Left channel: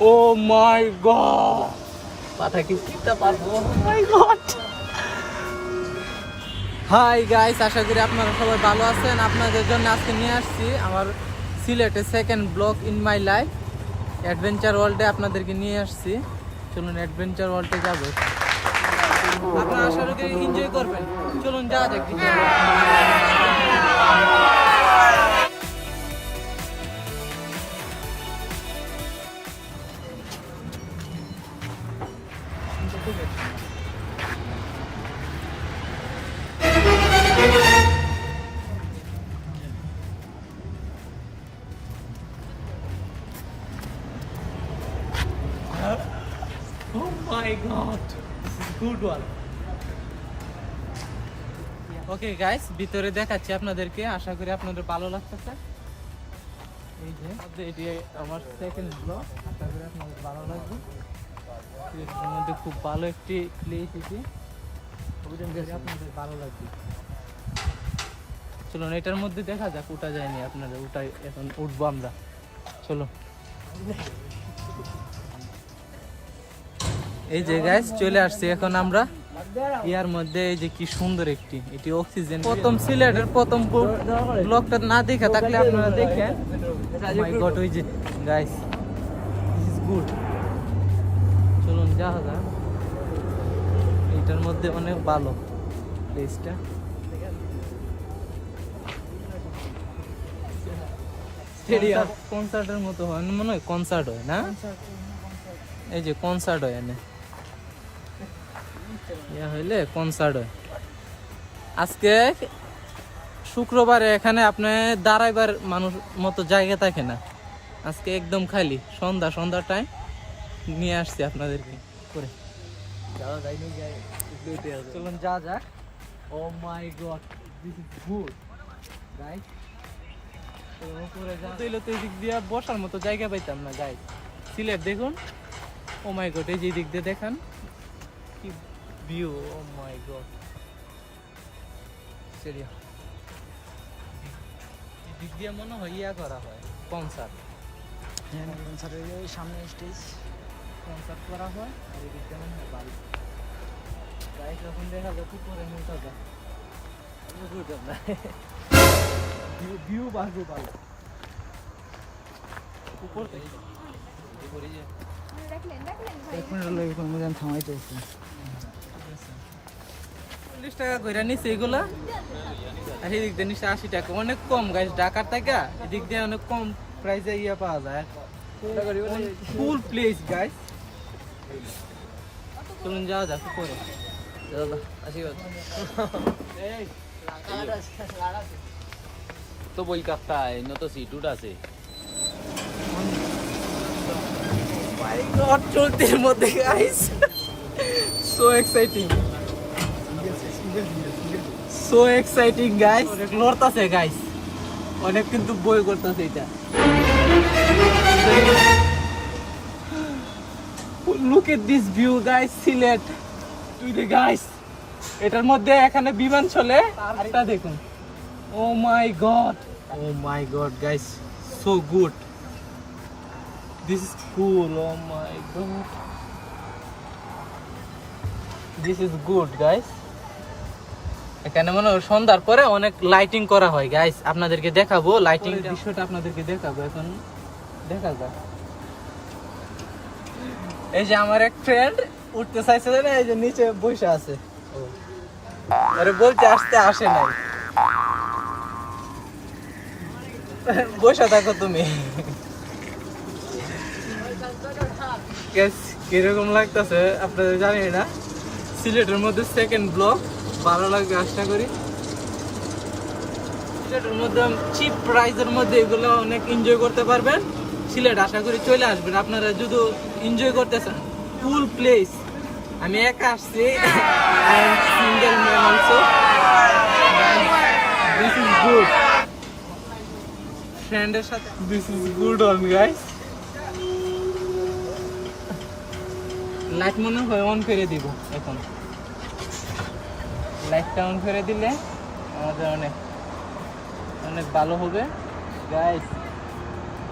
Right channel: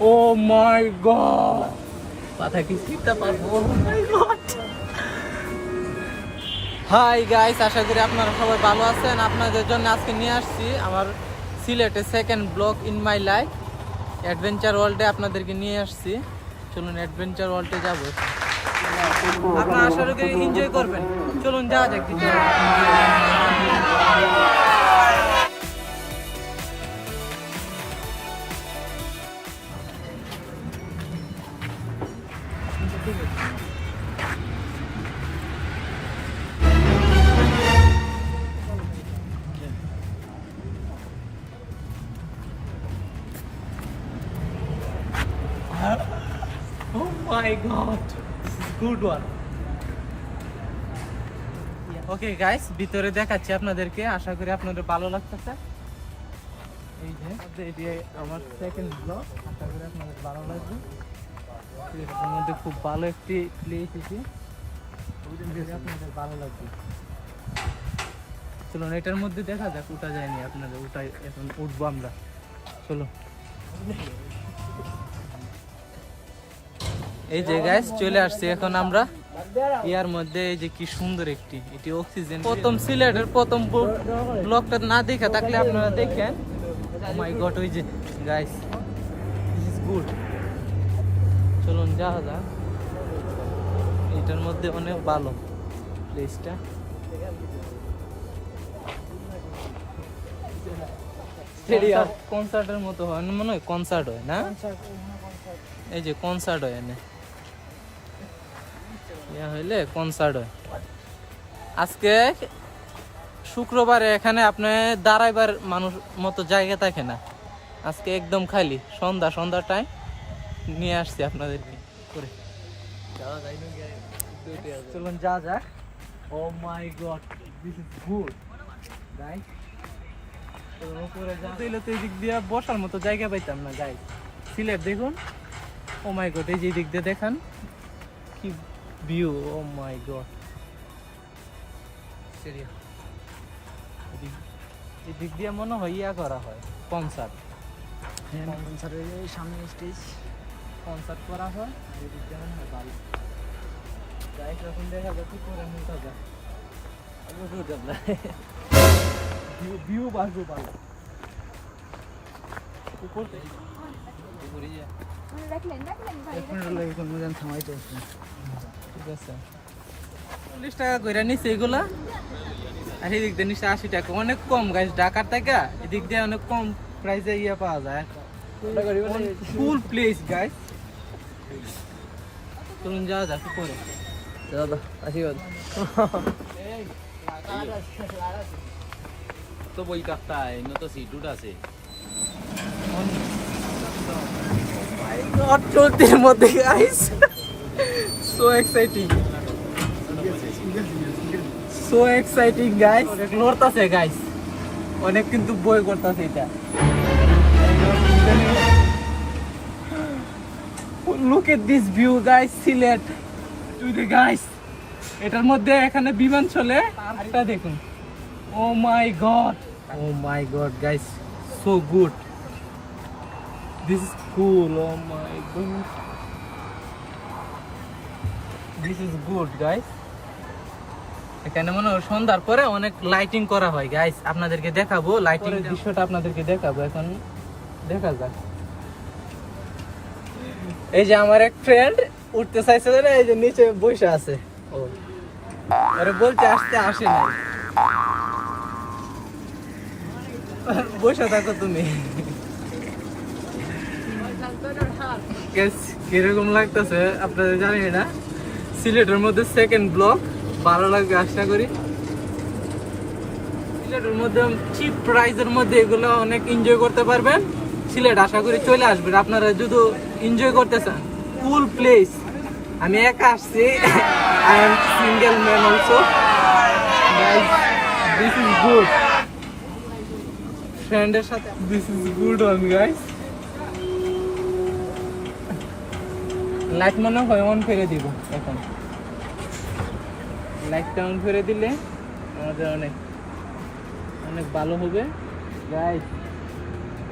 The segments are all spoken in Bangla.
ও মাই গড, মাথা কি চিন্তা পারবো? মাই গড। হাই গাইস, আশা করি আপনারা সবাই ভালো আছেন। আপনাদের জন্য আজকে নিয়ে আসছি আমার সিলেটে second blog in my life adventure ওয়ার্ল্ডে আপনাদেরকে নিয়ে আসছি। চলুন অ্যাডভেঞ্চার ওয়ার্ল্ডে যাবো। আপনারা আশা করি এনজয় করবেন। চলুন যাওয়া যাক। Oh my god, this is good one. Okay guys, ভিতরে দেখাচ্ছি আপনাদেরকে। আশা করি আপনাদের ভালো লাগতেছে। এই যে এটি আমার সেকেন্ড ব্লগ, আশা করি আপনাদের ভালো লাগবে। এর মধ্যে খুব ভালো একটি প্লেস এটি, আপনাদের ভালো লাগবে। চলুন এটার মধ্যে দেখা যাক, উঠা যায়নি আপনাদের, উঠাই এখন উঠবো আমরা। চলো। এই যে গাইস চলে আসছি এখন আমরা ইয়ার মধ্যে। এই যে কি সুন্দর একটি, এটি অক্সিজেন। প্রথম সিলেটের প্রথম ব্লগটা না দেখা থাকলে আপনারা দেখেন। মাই গড, ওই যে গাইস, দিস ইজ গুড। চলুন যাওয়া যাক। এটার মধ্যে অনেক ভালো প্লেসটা। কনসার্টের মতো হয় মনে হয়, কনসার্ট হয় না? এই যে কনসার্ট হয় এনে, ইয়া হইলে কনসার্ট হয়। আজকে শুক্রবারে এখানে আপনি দাঁড়াইবার মানুষ মতো জায়গা থাকে না। আজকে একদম খালি, সন্ধ্যা টাইম নিয়ে আসছি আপনাদেরকে করে। চলুন যা যাক। Oh my god, this is good guys. উপরে যাইলে তো এই দিক দিয়ে বসার মতো জায়গা পাইতাম না গাইস। সিলেট দেখুন, ও মাই গড, এই যে দিক দিয়ে দেখান কি ভিউ। ও মাই গড, এই দিক দিয়ে মনে হয় ইয়া করা হয় কনসার্ট। হ্যাঁ, কনসার্টের সামনে স্টেজ কনসার্ট করা হয়। আর এই দিক দিয়ে মনে হয় ভালো গাইস। যখন দেখা যায় পুকুরে নিউটা যায়, ভিউ বাজু ভালো উপর থেকে। চল্লিশ টাকা করে নিচ্ছে এগুলা, আর এদিক দিয়ে নিচ্ছে 80 টাকা। অনেক কম গাইস, ঢাকার থেকে এদিক দিয়ে অনেক কম প্রাইসে ইয়ে পাওয়া যায়। ফুল প্লেস গাইস। চলুন যাওয়া যাক উপরে। तो वही कक्का है, न तो सीट उड़ा से। চলতির মধ্যে guys, so exciting, so exciting guys. লড়তাছে গাইস অনেক, কিন্তু বই করতেছে এটা। Look at this view guys, Sylhet to the guys. এটার মধ্যে এখানে বিমান চলে, আরটা দেখুন। Oh my god, oh my god guys, so good, this is cool. Oh my god, this is good guys. এখানে মনে হয় সন্ধ্যার পরে অনেক লাইটিং করা হয় গাইস। আপনাদেরকে দেখাবো লাইটিং দৃশ্যটা, আপনাদেরকে দেখাবো এখন। দেখা যাক। এই যে আমার এক ফ্রেন্ড উঠতে চাইছে না, এই যে নিচে বসে আছে। ও আরে বলতে আসতে আসে নাই, বসে থাকো তুমি। কিরকম লাগতেছে আপনাদের জানি না। সিলেটের মধ্যে সেকেন্ড ব্লগ, ভালো লাগবে আশা করি। সিলেটের মধ্যে চিপ প্রাইসের মধ্যে এগুলো অনেক এনজয় করতে পারবেন। সিলেট আশা করি চলে আসবেন আপনারা যদি এনজয় করতে চান। ফুল প্লেস। আমি একা আসছি, I am single man also. This is good, ফ্রেন্ডের সাথে this is good on guys. Light মনে হয় অন করে দিব এখন। লাইটটা অন করে দিলে আমাদের অনেক অনেক ভালো হবে গাইস।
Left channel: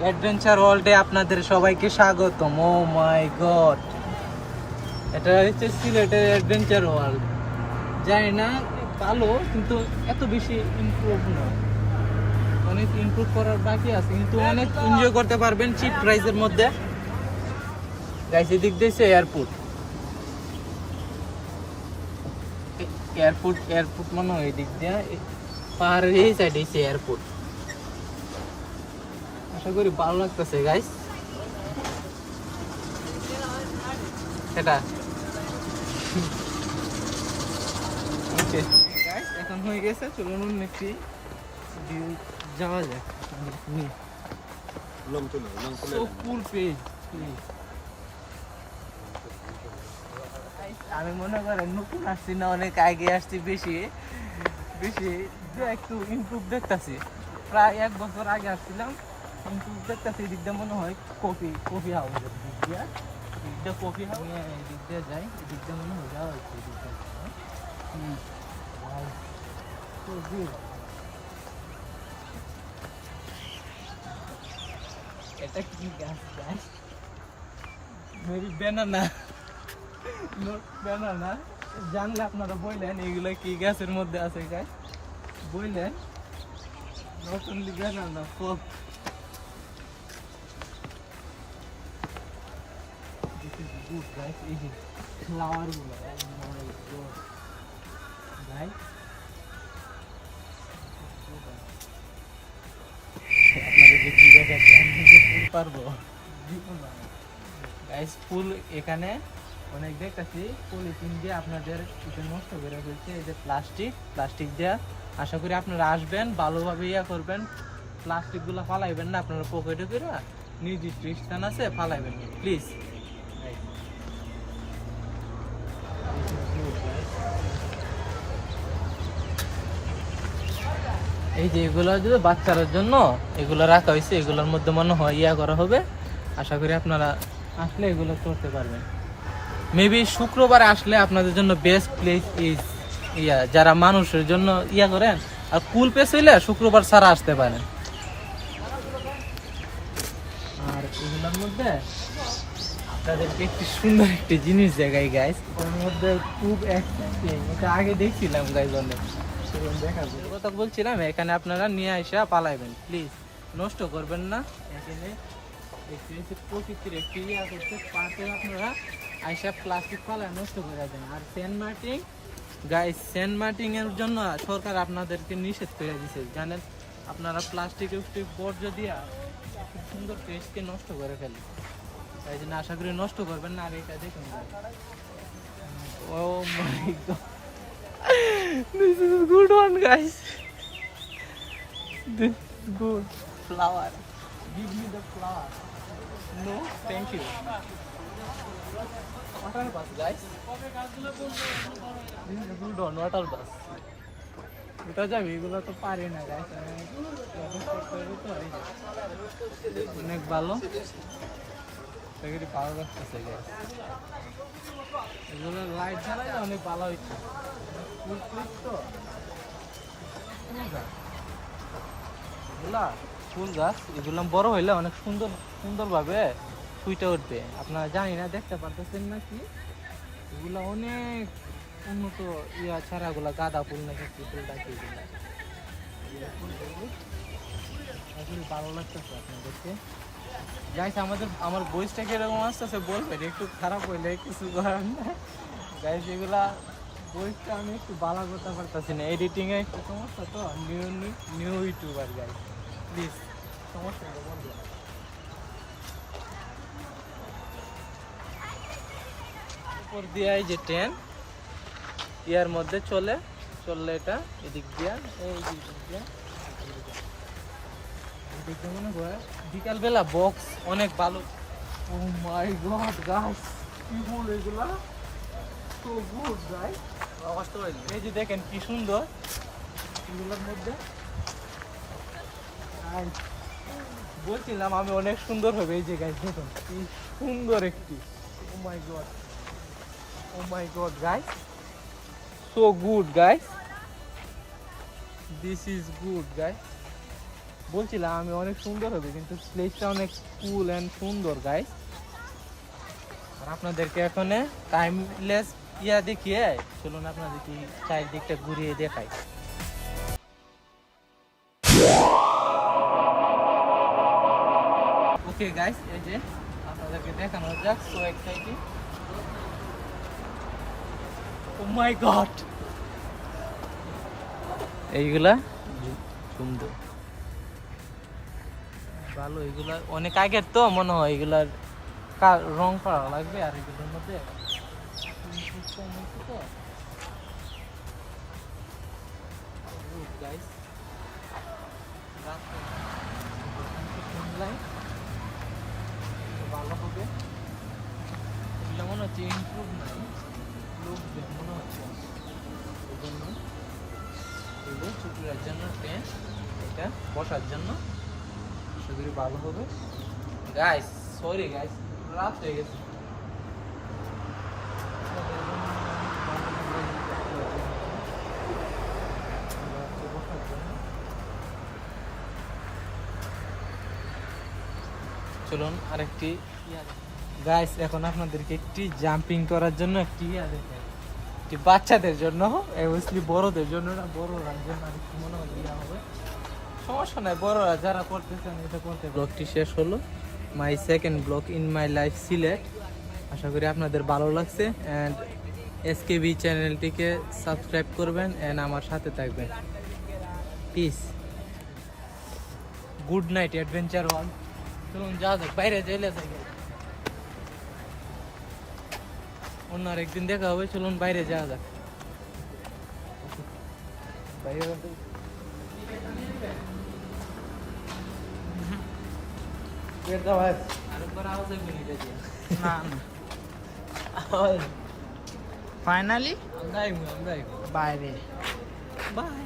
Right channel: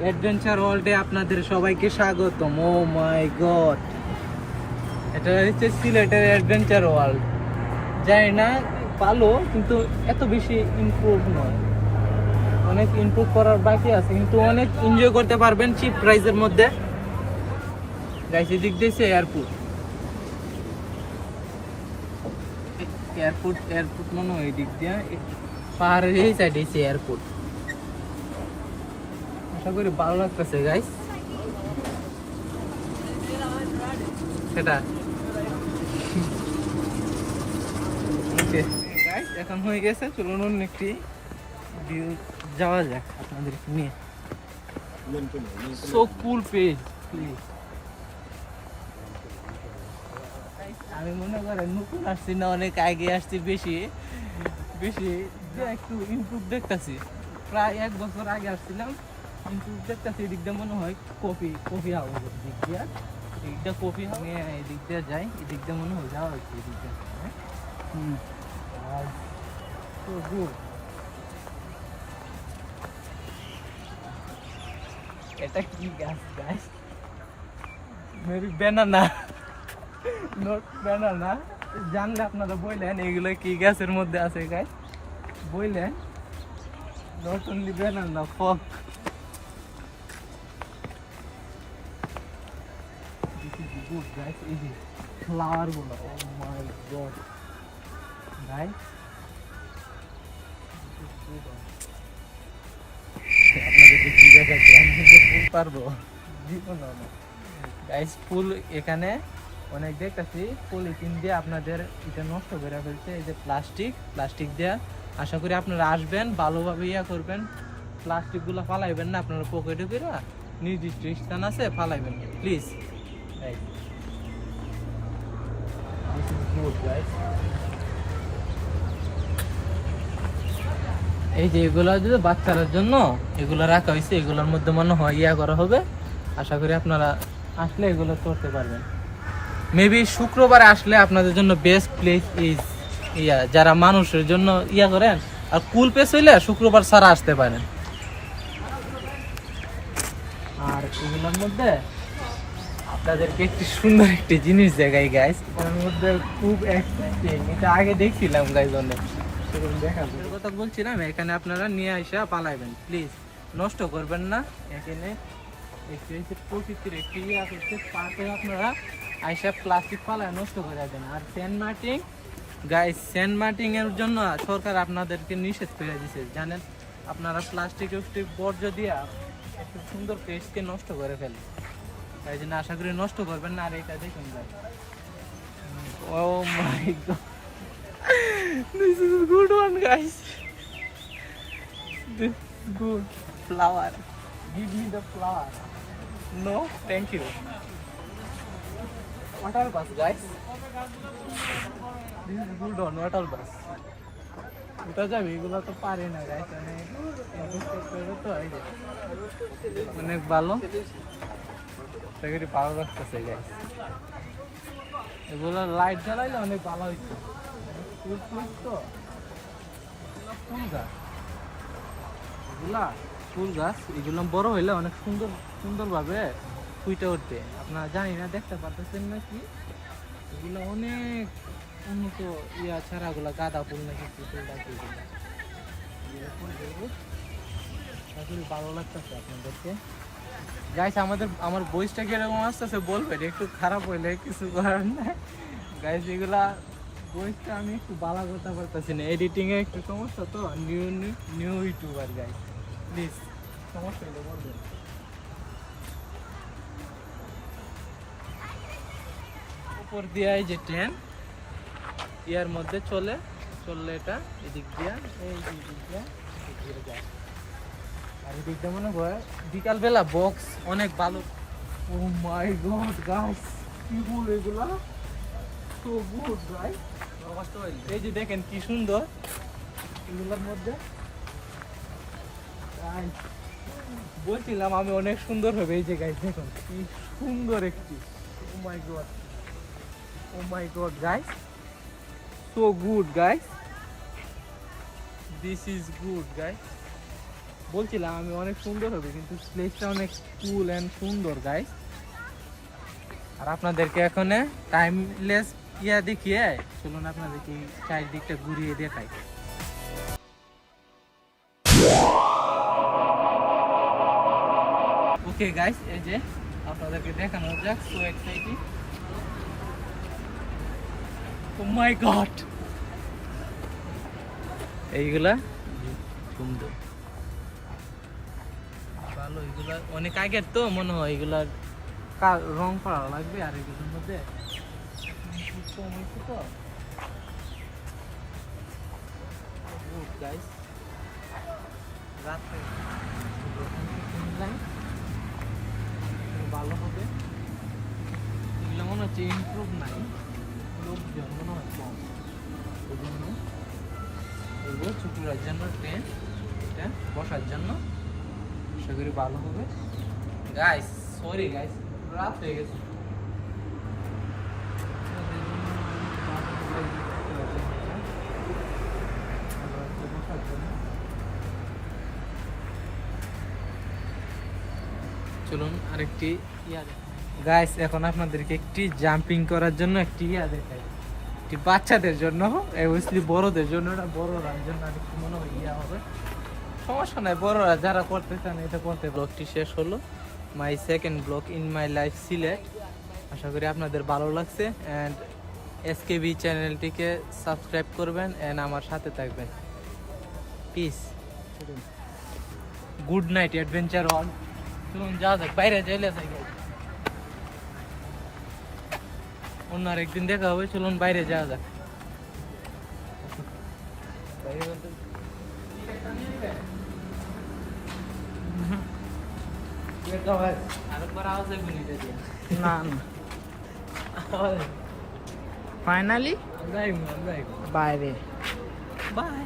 অ্যাডভেঞ্চার ওয়ার্ল্ডে আপনাদের সবাইকে স্বাগতম। ও মাই গড, এটা হচ্ছে সিলেটের অ্যাডভেঞ্চার ওয়ার্ল্ড। জানি না ভালো, কিন্তু এত বেশি ইমপ্রুভ নয়, অনেক ইমপ্রুভ করার বাকি আছে, কিন্তু অনেক এনজয় করতে পারবেন চিপ প্রাইসের মধ্যে। গাইস এদিক দিয়েছে এয়ারপোর্ট, এয়ারপোর্ট মনে হয় এদিক দিয়ে, পাহাড়ের এই সাইডে এসে এয়ারপোর্ট। আশা করি ভালো লাগতেছে গাইস। এটা গাইস এখন হয়ে গেছে, চলুন অন্য একটি ভিউ যাওয়া যাক আপনাদের নিয়ে। So cool page please. আমি মনে করেন নতুন আসছি না, অনেক আগে আসছি, বেশি বেশি একটু ইমপ্রুভ দেখতেছি। প্রায় 1 বছর আগে আসছিলাম, ইমপ্রুভ দেখতেছি। এদিক দিয়ে মনে হয় কফি হাউসের দিক দিয়ে, এদিক দিয়ে কফি হাউস, এদিক দিয়ে যাই, এদিক দিয়ে মনে হয় যাওয়া হচ্ছে এদিক দিয়ে। So good. এটা কি গাছ গাছ? Maybe banana, not banana. জানলে আপনারা বললেন এগুলো কি গাছের মধ্যে আছে গাছ, বললেন। নট অনলি ব্যানানা, ফল। This is good guys. এই যে ফ্লাওয়ার গুলো, oh my god guys, আপনাদেরকে কি দেখাচ্ছি, আমি যে ফুল পারবো জীবন না গাইস। ফুল এখানে অনেক দেখতেছি, পলিথিন দিয়ে আপনাদের এটা নষ্ট করে ফেলছে। এই যে প্লাস্টিক দিয়ে। আশা করি আপনারা আসবেন, ভালোভাবে ইয়া করবেন, প্লাস্টিক গুলো ফালাইবেন না আপনারা পকেটে করে, নির্দিষ্ট স্থান আছে ফালাইবেন প্লিজ। এই যে এগুলো যদি বাচ্চাদের জন্য এগুলো রাখা হয়েছে, এগুলোর মধ্যে মনে হয় ইয়া করা হবে। আশা করি আপনারা আসলে এগুলো করতে পারবেন। মেবি শুক্রবারে আসলে আপনাদের জন্য বেস্ট প্লেস ইজ ইয়া, যারা মানুষের জন্য ইয়া করেন আর কুল প্লেস হইলে শুক্রবার ছাড়া আসতে পারেন। আর এগুলোর মধ্যে আপনাদেরকে একটি সুন্দর একটি জিনিস দেখাই গাইস, এটার মধ্যে খুব এক্সাইটিং। এটা আগে দেখছিলাম গাইস, অনেক দেখাবো কথা বলছিলাম। এখানে আপনারা নিয়ে আসা পালাইবেন প্লিজ, নষ্ট করবেন না। এখানে প্রকৃতির একটি ইয়া করছে, পাতে আপনারা আইসা প্লাস্টিক পালায় নষ্ট করে দেন। আর সেন্ট মার্টিন এর জন্য সরকার আপনাদেরকে নিষেধ করে দিয়েছে, জানেন। আপনারা প্লাস্টিক বর্জ্য দিয়া একটু সুন্দর পেস্টকে নষ্ট করে ফেলে, তাই জন্য আশা করি নষ্ট করবেন না। আর এটা দেখুন guys, oh my god, this is a good one guys, this good flower, give me the flower. No thank you. Water bus guys, this is good one, water bus. এটা যাবে, এগুলো তো পারে না গাইস, অনেক ইনভেস্ট করতে হবে তো। এই যে অনেক ভালো, সেগুলি ভালো লাগতেছে গাইস। এগুলো লাইট জ্বালাইলে অনেক ভালো হইতো। ফুল প্লেস তো, ফুল গাছ, ফুল গাছ এগুলো বড় হইলে অনেক সুন্দরভাবে ফুটে উঠবে। আপনারা জানি না, দেখতে পারতেছেন নাকি, এগুলো অনেক উন্নত ইয়া ছাড়া, এগুলো গাঁদা ফুল নাকি কি ফুল ডাকে, এগুলো ভালো লাগতেছে আপনাদেরকে গাইস। আমার বয়সটা কিরকম আসতেছে বলবেন, একটু খারাপ হইলে কিছু করার নাই গাইস। এগুলা বয়সটা আমি একটু ভালো করতে পারতেছি না, এডিটিং এ একটু সমস্যা তো, নিউ ইউটিউবার গাইস, প্লিজ সমস্যা হইলে বলবেন। উপর দিয়ে এই যে ট্রেন ইয়ার মধ্যে চলে এটা এদিক দিয়ে, এই দিক দিয়ে ঘুরে যায়। আর এদিক দিয়ে মনে হয় বিকালবেলা বক্স অনেক ভালো। ও মাই গড গাইস, কি ফুল এগুলা, সো গুড গাইস। এই যে দেখেন কি সুন্দর এগুলোর মধ্যে, বলছিলাম আমি অনেক সুন্দর হবে। এই যে গাইস দেখুন কি সুন্দর একটি, oh my god guys, so good guys, this is good guys. বলছিলাম আমি অনেক সুন্দর হবে, কিন্তু প্লেসটা অনেক কুল এন্ড সুন্দর গাইস। আর আপনাদেরকে এখন টাইমলেস দেখিয়ে চলুন আপনাদেরকে চারিদিকটা ঘুরিয়ে দেখাই। ওকে গাইস, এই যে আপনাদেরকে দেখানো যাক, so exciting. O my god, এইগুলা সুন্দর ভালো, এগুলা অনেক আগের তো মনে হয়, এগুলার রং করা লাগবে। আর এগুলোর মধ্যে কম হয়েছে তো গাইস, রাতে ভালো হবে। এগুলো মনে হচ্ছে ইমপ্রুভ নাই, লোকজন মনে হয় কম, এই জন্য এগুলো ছুটির জন্য টেন্ট, এটা বসার জন্য সেগুলি ভালো হবে। গাইস সরি গাইস, রাত হয়ে গেছে। চলুন আরেকটি গাইস, এখন আপনাদেরকে একটি জাম্পিং করার জন্য একটি দেখাই। এটি বাচ্চাদের জন্য, অবভিয়াসলি বড়দের জন্য না, বড়রার জন্য আরেকটু মনে হয় হবে। সমস্যা নাই, বড়রা যারা করতে চান এটা করতে। ব্লগটি শেষ হলো, my second blog in my life Sylhet. আশা করি আপনাদের ভালো লাগছে। অ্যান্ড এসকেবি চ্যানেলটিকে সাবস্ক্রাইব করবেন অ্যান্ড আমার সাথে থাকবেন। Peace, good night adventure all. চলুন যাওয়া যাক, বাইরে চলে যাই। অন্য আরেকদিন দেখা হবে, চলুন বাইরে যাওয়া যাক। আরেকবার আওয়াজ আসবে না, না ফাইনালি বাইরে, বাই।